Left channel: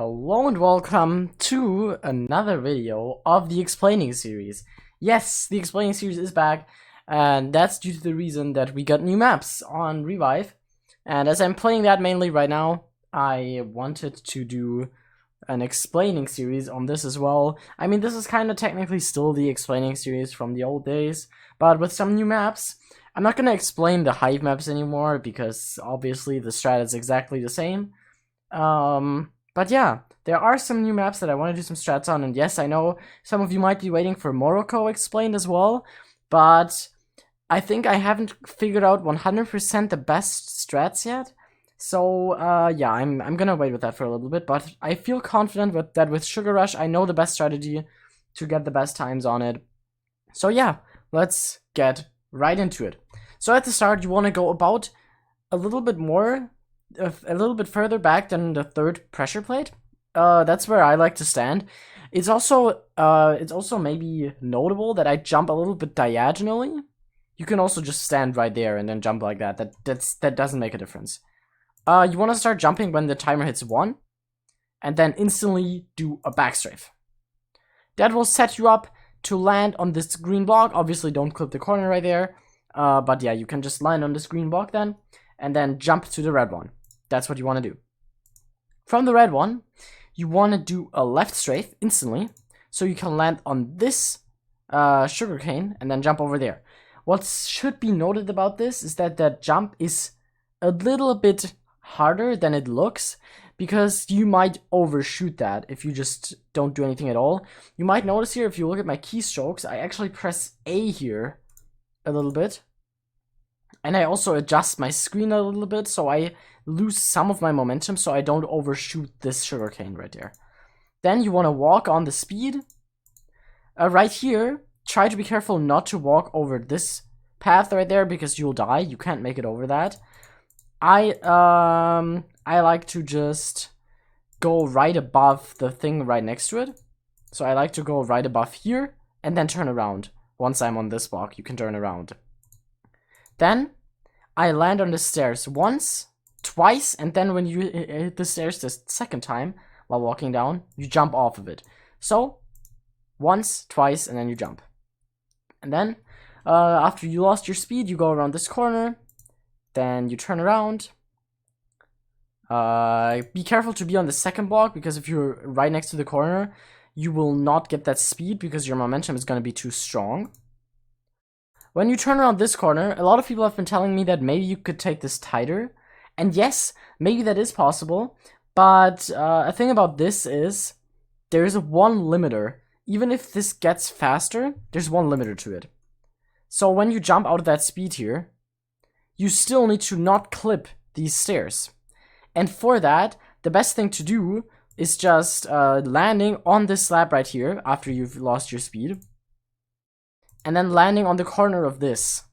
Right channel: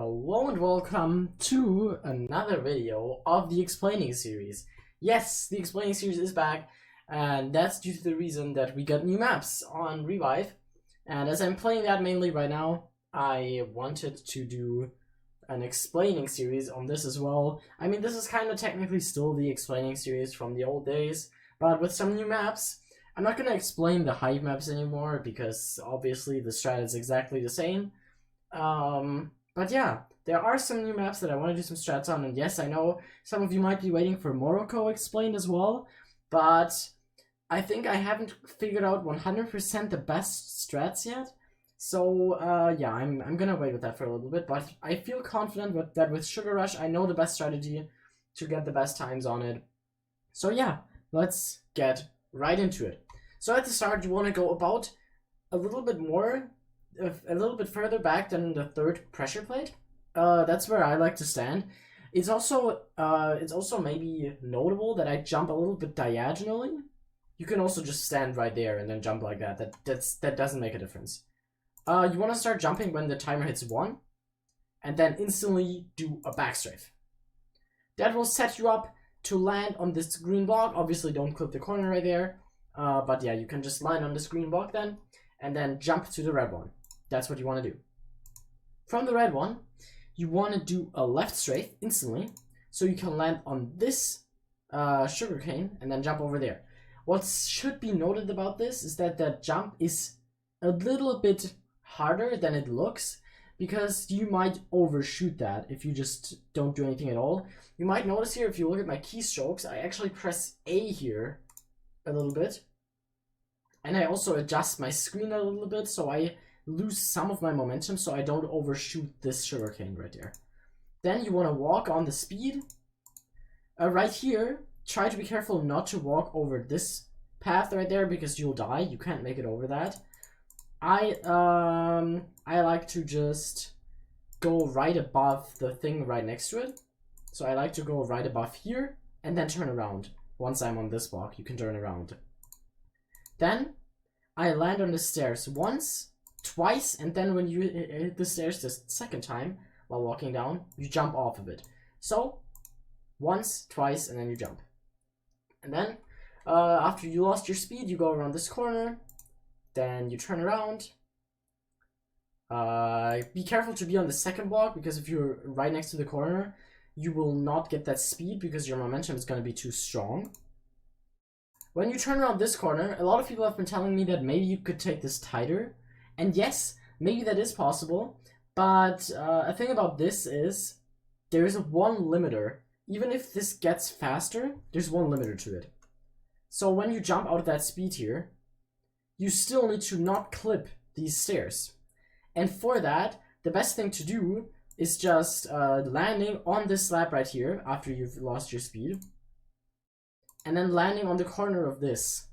Hello and welcome to another video of the Explaining series. Yes, the Explaining series is back, and that's due to the reason that we got new maps on Revive. And as I'm playing that mainly right now, I wanted to do an Explaining series on this as well. I mean, this is kind of technically still the Explaining series from the old days, but with some new maps. I'm not going to explain the Hive maps anymore, because obviously the strat is exactly the same. But yeah, there are some new maps that I want to do some strats on, and yes, I know some of you might be waiting for Morocco explained as well, but I think I haven't figured out 100% the best strats yet. So yeah, I'm gonna wait with that for a little bit, but I feel confident that with Sugar Rush, I know the best strategy to get the best times on it. So yeah, let's get right into it. So at the start, you want to go about a little bit further back than the third pressure plate. That's where I like to stand. It's also maybe notable that I jump a little bit diagonally. You can also just stand right there and then jump like that. That doesn't make a difference. You want to start jumping when the timer hits 1, and then instantly do a backstrafe. That will set you up to land on this green block. Obviously, don't clip the corner right there. But yeah, you can just land on this green block then, and then jump to the red one. That's what you want to do. From the red one, you want to do a left strafe instantly, so you can land on this sugarcane and then jump over there. What should be noted about this is that that jump is a little bit harder than it looks, because you might overshoot that if you just don't do anything at all. You might notice here, if you look at my keystrokes, I actually press A here a little bit, and I also adjust my screen a little bit so I lose some of my momentum, so I don't overshoot this sugarcane right there. Then you want to walk on the speed. Right here, try to be careful not to walk over this path right there, because you'll die. You can't make it over that. I like to just go right above the thing right next to it. So I like to go right above here and then turn around. Once I'm on this block, you can turn around. Then I land on the stairs once, twice, and then when you hit the stairs the second time while walking down, you jump off of it. So once, twice, and then you jump. And then after you lost your speed, you go around this corner, then you turn around. Be careful to be on the second block, because if you're right next to the corner, you will not get that speed because your momentum is going to be too strong. When you turn around this corner, a lot of people have been telling me that maybe you could take this tighter. And yes, maybe that is possible, but a thing about this is there is one limiter. Even if this gets faster, there's one limiter to it. So when you jump out of that speed here, you still need to not clip these stairs. And for that, the best thing to do is just landing on this slab right here after you've lost your speed, and then landing on the corner of this,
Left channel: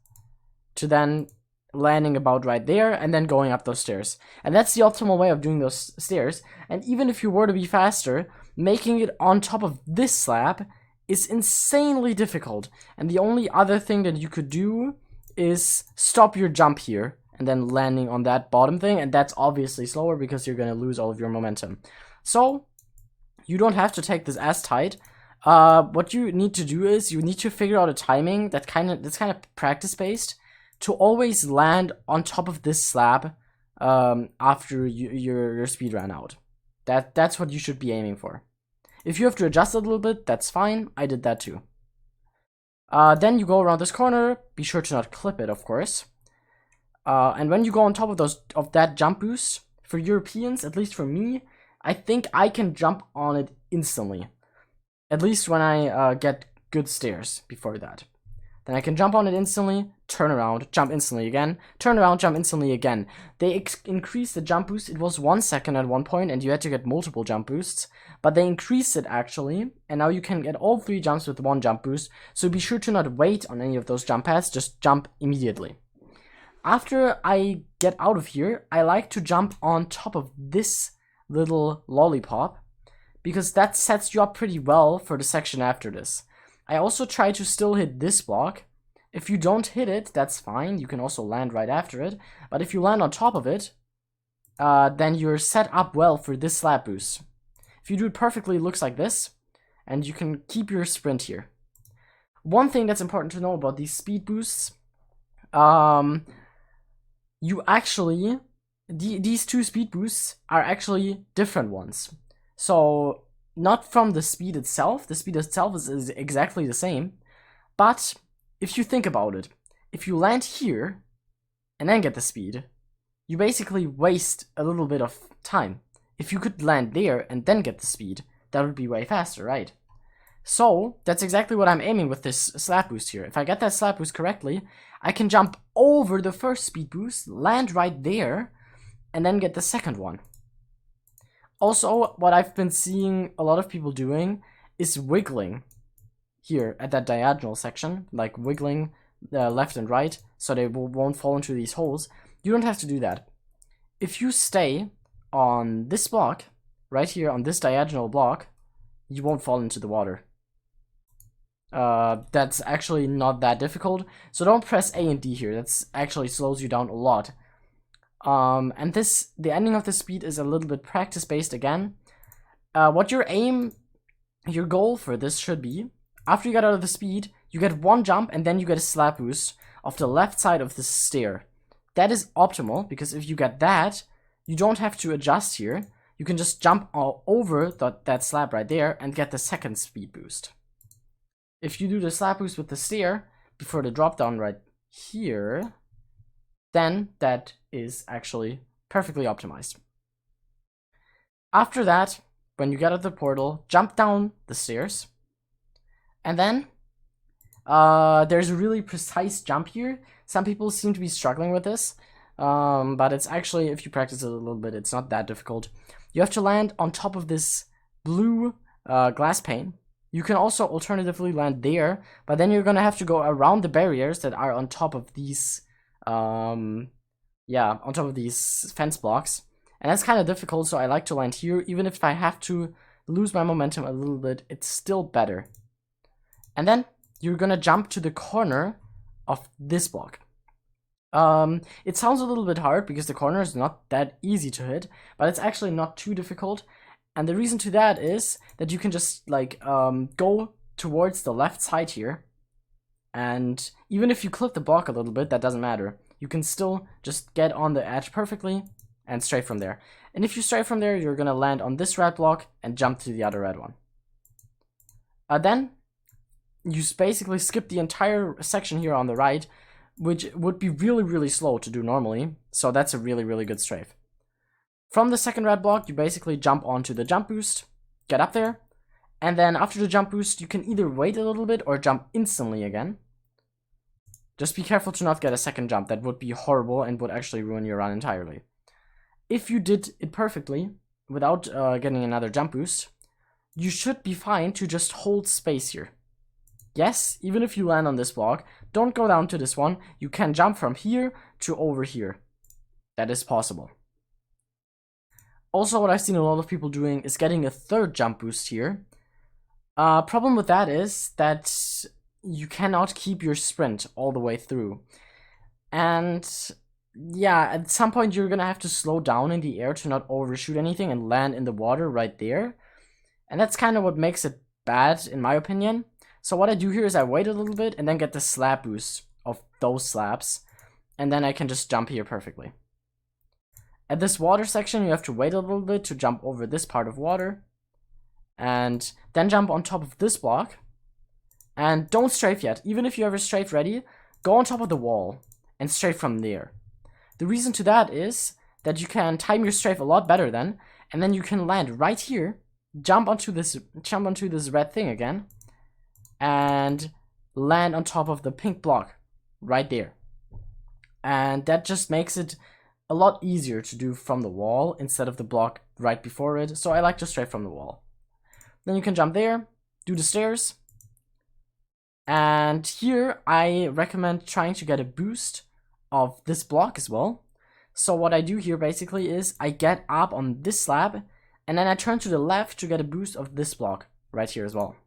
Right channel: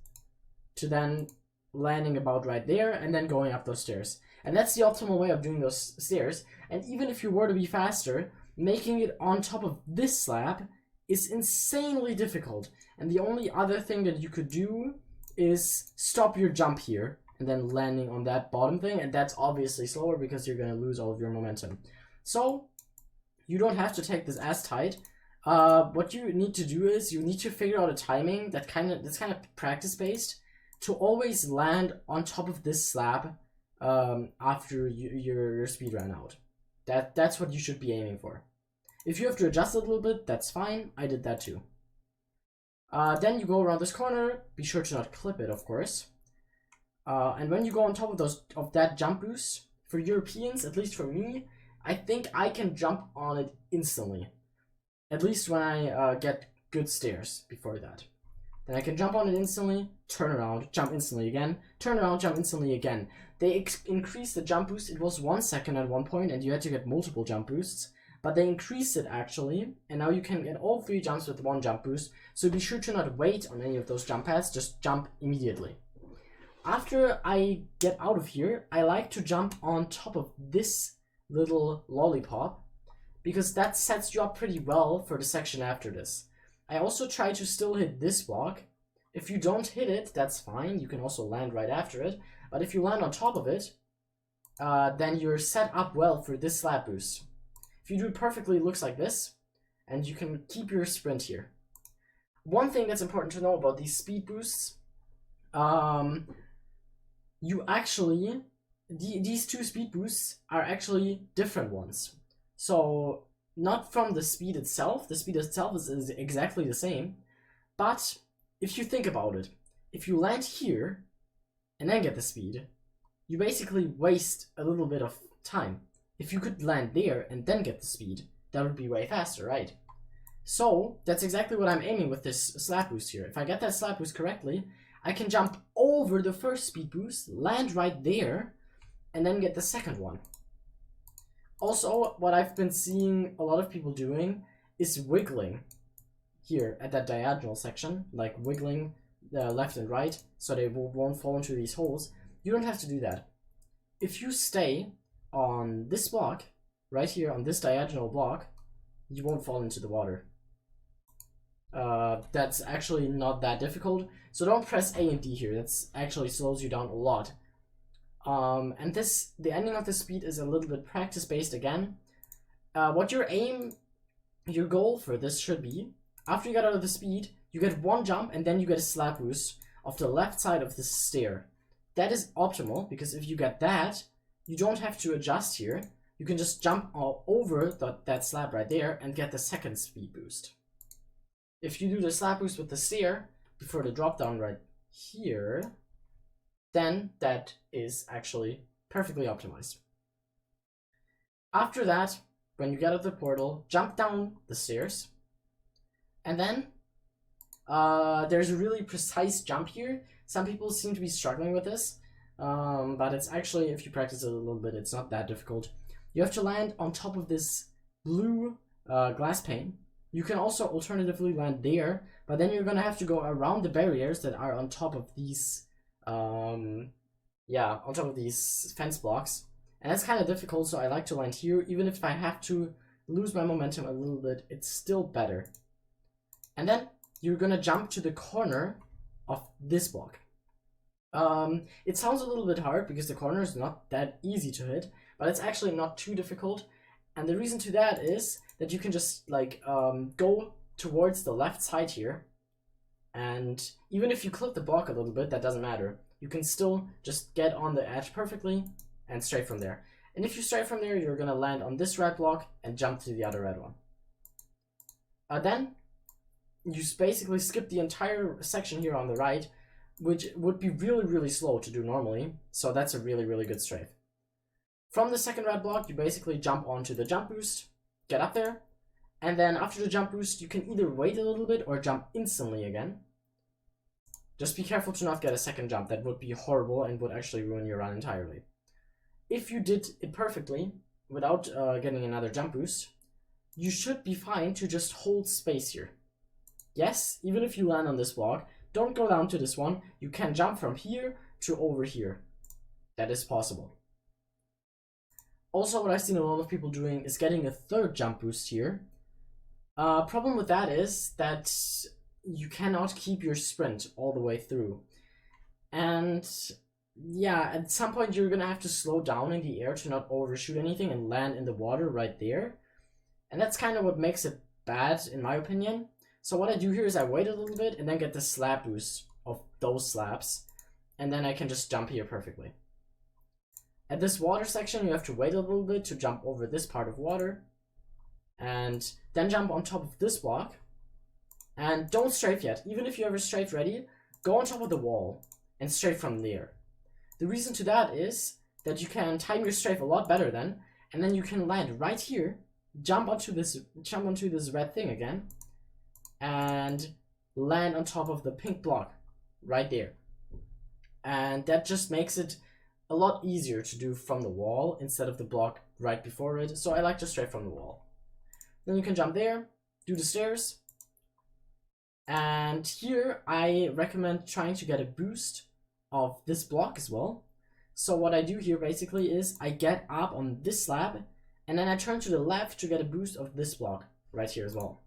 to then landing about right there, and then going up those stairs. And that's the optimal way of doing those stairs. And even if you were to be faster, making it on top of this slab is insanely difficult. And the only other thing that you could do is stop your jump here and then landing on that bottom thing, and that's obviously slower because you're going to lose all of your momentum. So you don't have to take this as tight. What you need to do is you need to figure out a timing that's kind of practice based, to always land on top of this slab after your speed ran out. That's what you should be aiming for. If you have to adjust a little bit, that's fine. I did that too. Then you go around this corner. Be sure to not clip it, of course. And when you go on top of that jump boost, for Europeans, at least for me, I think I can jump on it instantly. At least when I get good stairs before that. Then I can jump on it instantly, turn around, jump instantly again, turn around, jump instantly again. They increased the jump boost. It was 1 second at one point, and you had to get multiple jump boosts. But they increased it actually, and now you can get all 3 jumps with 1 jump boost. So be sure to not wait on any of those jump pads, just jump immediately. After I get out of here, I like to jump on top of this little lollipop, because that sets you up pretty well for the section after this. I also try to still hit this block. If you don't hit it, that's fine. You can also land right after it. But if you land on top of it, then you're set up well for this slab boost. If you do it perfectly, it looks like this, and you can keep your sprint here. One thing that's important to know about these speed boosts, you actually, these two speed boosts are actually different ones. So not from the speed itself is exactly the same, but if you think about it, if you land here and then get the speed, you basically waste a little bit of time. If you could land there and then get the speed, that would be way faster, right? So that's exactly what I'm aiming with this slap boost here. If I get that slap boost correctly, I can jump over the first speed boost, land right there, and then get the second one. Also, what I've been seeing a lot of people doing is wiggling here at that diagonal section, like wiggling left and right so they won't fall into these holes. You don't have to do that. If you stay on this block, right here on this diagonal block, you won't fall into the water. That's actually not that difficult, so don't press A and D here. That's actually slows you down a lot. And the ending of the speed is a little bit practice based again. What your goal for this should be, after you get out of the speed, you get one jump and then you get a slap boost off the left side of the stair. That is optimal, because if you get that, you don't have to adjust here. You can just jump all over that slab right there and get the second speed boost. If you do the slap boost with the stair before the drop down right here, then that is actually perfectly optimized. After that, when you get out of the portal, jump down the stairs, and then there's a really precise jump here. Some people seem to be struggling with this, but it's actually, if you practice it a little bit, it's not that difficult. You have to land on top of this blue glass pane. You can also alternatively land there, but then you're gonna have to go around the barriers that are on top of these, on top of these fence blocks. And that's kind of difficult, so I like to land here. Even if I have to lose my momentum a little bit, it's still better. And then you're gonna jump to the corner of this block. It sounds a little bit hard because the corner is not that easy to hit, but it's actually not too difficult. And the reason to that is that you can just like go towards the left side here, and even if you clip the block a little bit, that doesn't matter. You can still just get on the edge perfectly and straight from there. And if you stray from there, you're gonna land on this red block and jump to the other red one. Then you basically skip the entire section here on the right, which would be really, really slow to do normally. So that's a really, really good strafe. From the second red block, you basically jump onto the jump boost, get up there, and then after the jump boost, you can either wait a little bit or jump instantly again. Just be careful to not get a second jump. That would be horrible and would actually ruin your run entirely. If you did it perfectly, without getting another jump boost, you should be fine to just hold space here. Yes, even if you land on this block, don't go down to this one. You can jump from here to over here. That is possible. Also, what I've seen a lot of people doing is getting a third jump boost here. Problem with that is that you cannot keep your sprint all the way through. And yeah, at some point you're gonna have to slow down in the air to not overshoot anything and land in the water right there. And that's kind of what makes it bad, in my opinion. So what I do here is I wait a little bit and then get the slap boost of those slabs, and then I can just jump here perfectly. At this water section, you have to wait a little bit to jump over this part of water, and then jump on top of this block. And don't strafe yet. Even if you have a strafe ready, go on top of the wall and strafe from there. The reason to that is that you can time your strafe a lot better then, and then you can land right here, jump onto this red thing again, and land on top of the pink block right there. And that just makes it a lot easier to do from the wall instead of the block right before it. So I like to strafe from the wall. Then you can jump there, do the stairs. And here I recommend trying to get a boost of this block as well. So what I do here basically is I get up on this slab and then I turn to the left to get a boost of this block right here as well.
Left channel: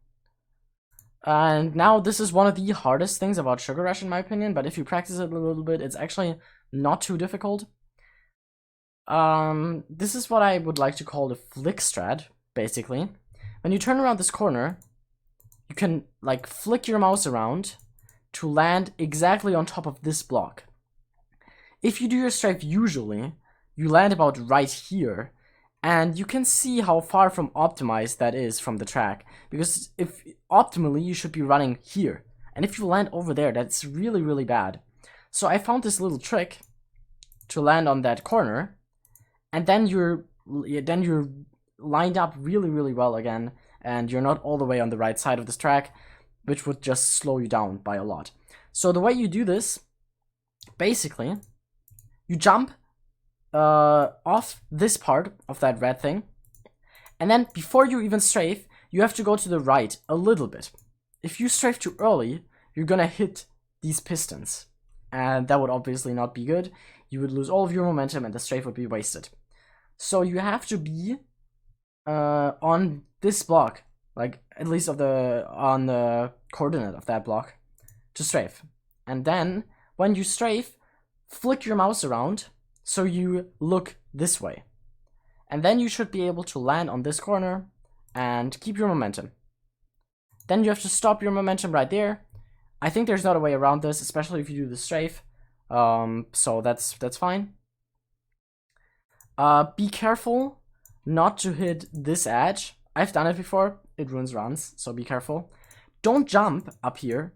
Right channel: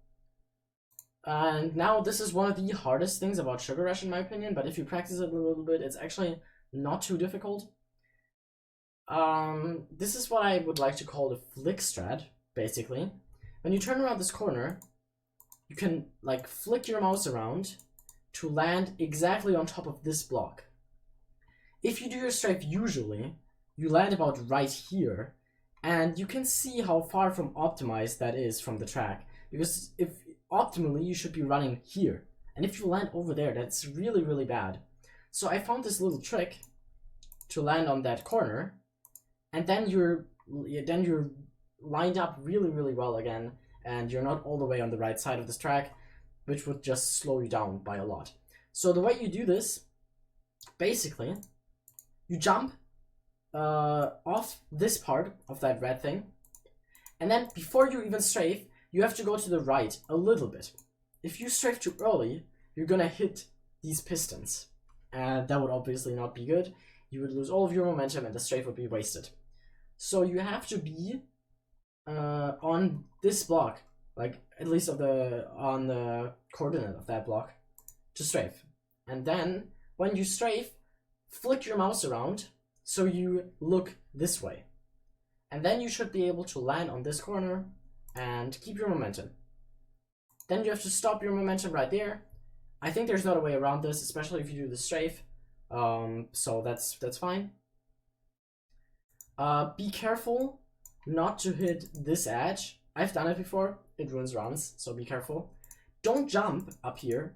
And now this is one of the hardest things about Sugar Rush in my opinion, but if you practice it a little bit, it's actually not too difficult. This is what I would like to call the flick strat. basically. When you turn around this corner, you can like flick your mouse around to land exactly on top of this block. If you do your strafe usually, you land about right here, and you can see how far from optimized that is from the track, because if optimally you should be running here, and if you land over there, that's really, really bad. So I found this little trick to land on that corner, and then you're lined up really, really well again, and you're not all the way on the right side of this track, which would just slow you down by a lot. So the way you do this, basically, you jump off this part of that red thing, and then before you even strafe, you have to go to the right a little bit. If you strafe too early, you're gonna hit these pistons, and that would obviously not be good. You would lose all of your momentum and the strafe would be wasted. So you have to be on this block, like at least on the coordinate of that block, to strafe. And then when you strafe, flick your mouse around so you look this way. And then you should be able to land on this corner and keep your momentum. Then you have to stop your momentum right there. I think there's not a way around this, especially if you do the strafe. So that's fine. Be careful not to hit this edge. I've done it before. It ruins runs, so be careful. Don't jump up here.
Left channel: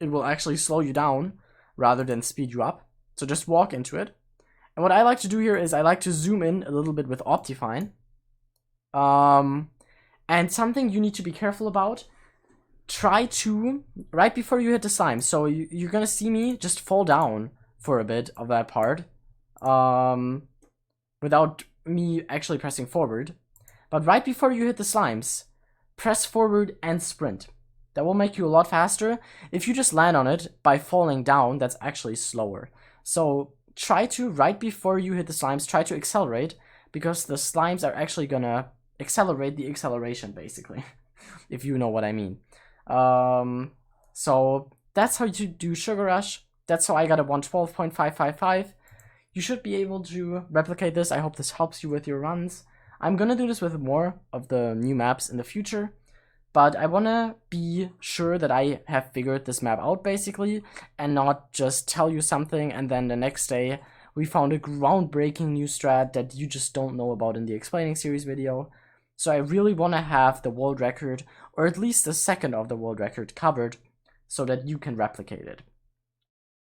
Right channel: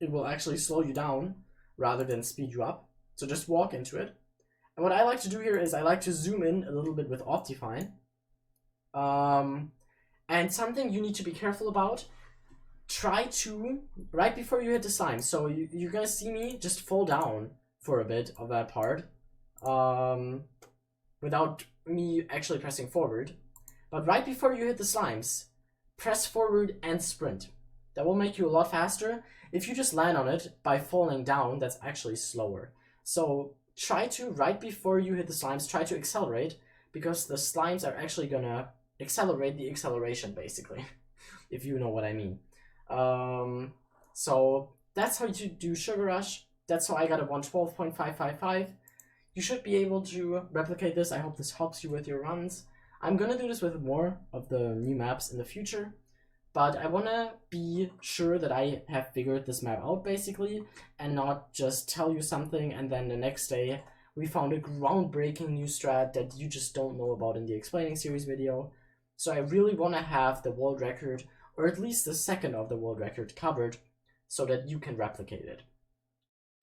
It will actually slow you down rather than speed you up. So just walk into it. And what I like to do here is I like to zoom in a little bit with Optifine. And something you need to be careful about, try to, right before you hit the slime, so you're gonna see me just fall down for a bit of that part, without me actually pressing forward. But right before you hit the slimes, press forward and sprint. That will make you a lot faster. If you just land on it by falling down, that's actually slower. So try to, right before you hit the slimes, try to accelerate, because the slimes are actually gonna accelerate the acceleration, basically, if you know what I mean. So that's how you do Sugar Rush. That's how I got a 112.555. You should be able to replicate this. I hope this helps you with your runs. I'm gonna do this with more of the new maps in the future, but I wanna be sure that I have figured this map out, basically, and not just tell you something and then the next day we found a groundbreaking new strat that you just don't know about in the explaining series video. So I really wanna have the world record, or at least a second of the world record, covered so that you can replicate it.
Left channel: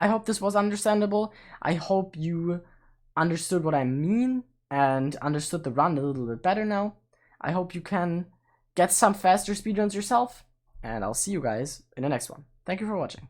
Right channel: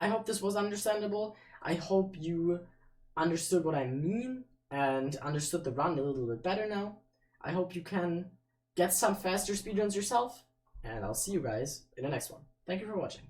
I hope this was understandable. I hope you understood what I mean and understood the run a little bit better now. I hope you can get some faster speedruns yourself, and I'll see you guys in the next one. Thank you for watching.